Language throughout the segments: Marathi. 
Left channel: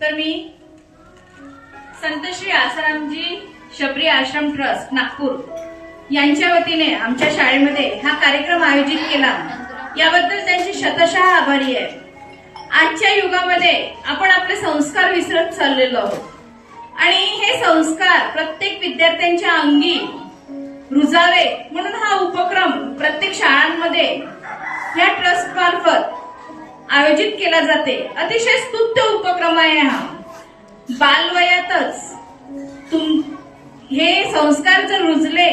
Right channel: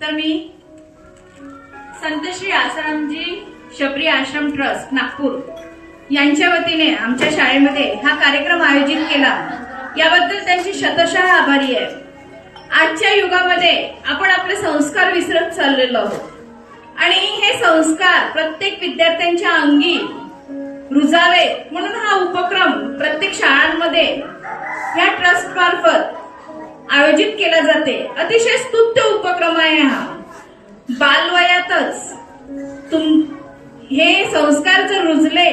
तर मी संत श्री आसारामजी शबरी आश्रम ट्रस्ट नागपूर यांच्या वतीने आमच्या शाळेमध्ये हा कार्यक्रम आयोजित केला, याबद्दल त्यांची शतशः आभारी आहे। आजच्या युगामध्ये आपण आपले संस्कार विसरत चाललेलो आहोत आणि हे संस्कार प्रत्येक विद्यार्थ्यांच्या अंगी रुजावे म्हणून हा उपक्रम प्रत्येक शाळांमध्ये ह्या ट्रस्ट मार्फत आयोजित केला जाते। अतिशय स्तुत्य उपक्रम आहे हा। बालवयातच हे संस्कार जर रुजले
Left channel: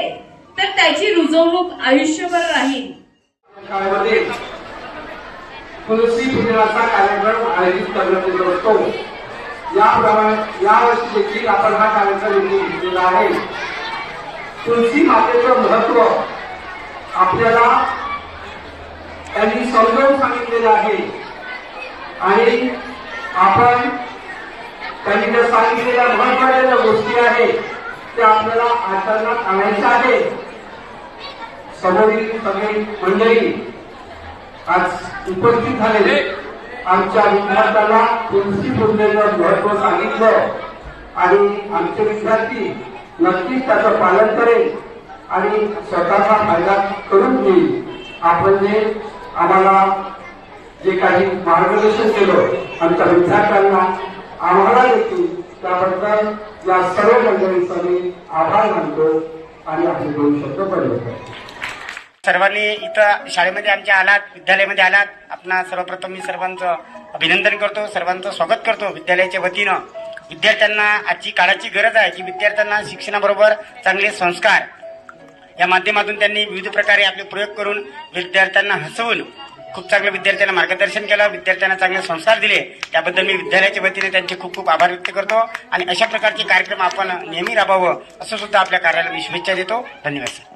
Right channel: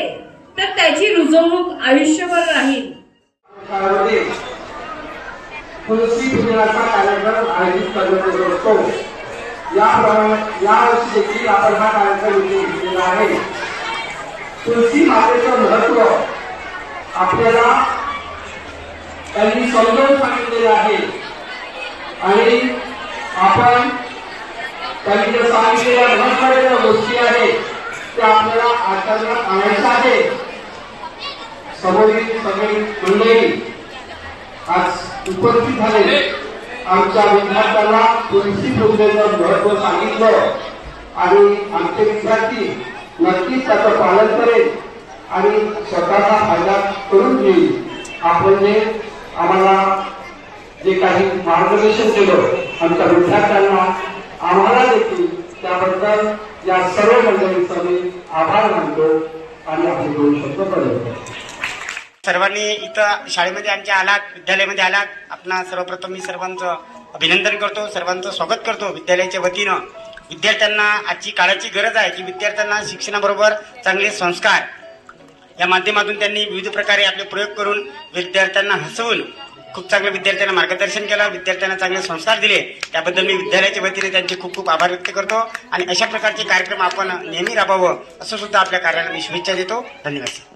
तर त्याची रुजवणूक आयुष्यभर राहील। शाळेमध्ये तुलसी पूजनाचा कार्यक्रम आयोजित करण्यात येत असतो। याप्रमाणे यावर्षी देखील आपण हा कार्यक्रम घेतलेला आहे। तुलसी मातेचं महत्व आपल्याला त्यांनी समजावून सांगितलेलं आहे आणि आपण त्यांनी ज्या सांगितलेल्या महत्त्वाच्या ज्या गोष्टी आहेत त्या आपल्याला आचरणात आणायच्या आहे। समोरील सगळी मंडळी आज उपस्थित झाले, आमच्या विद्यार्थ्यांना तुलसी पूजनेचं महत्व सांगितलं आणि आमचे विद्यार्थी नक्कीच त्याचं पालन करेल आणि स्वतःचा फायदा करून घेईल। आपण जे आम्हाला जे काही मार्गदर्शन केलं आमच्या विद्यार्थ्यांना, आम्हाला देखील त्याबद्दल या सर्व मंडळींचा मी आभार मानतो आणि आपले दोन शब्द बोलतो। सर्वांनी इथं शाळेमध्ये आमच्या आलात, विद्यालयामध्ये आलात, आपणा सर्वप्रथम मी सर्वांचं अभिनंदन करतो, सर्वांचं स्वागत करतो विद्यालयाच्या वतीनं। विद्यार्थ्यांना आजची काळाची गरज आहे की विद्यार्थ्यांना शिक्षणाबरोबर चांगले संस्कार या माध्यमातून त्यांनी विविध प्रकारे आपले प्रयोग करून विद्यार्थ्यांना हसवून खूप चांगल्या विद्यार्थ्यांना मार्गदर्शन केलं, विद्यार्थ्यांना चांगले संस्कार दिले। त्याबद्दल मी विद्यालयाच्या वतीने त्यांचे खूप खूप आभार व्यक्त करतो आणि अशा प्रकारचे कार्यक्रम आपण नेहमी राबवावं असं सुद्धा आपल्या कार्याला मी शुभेच्छा देतो। धन्यवाद।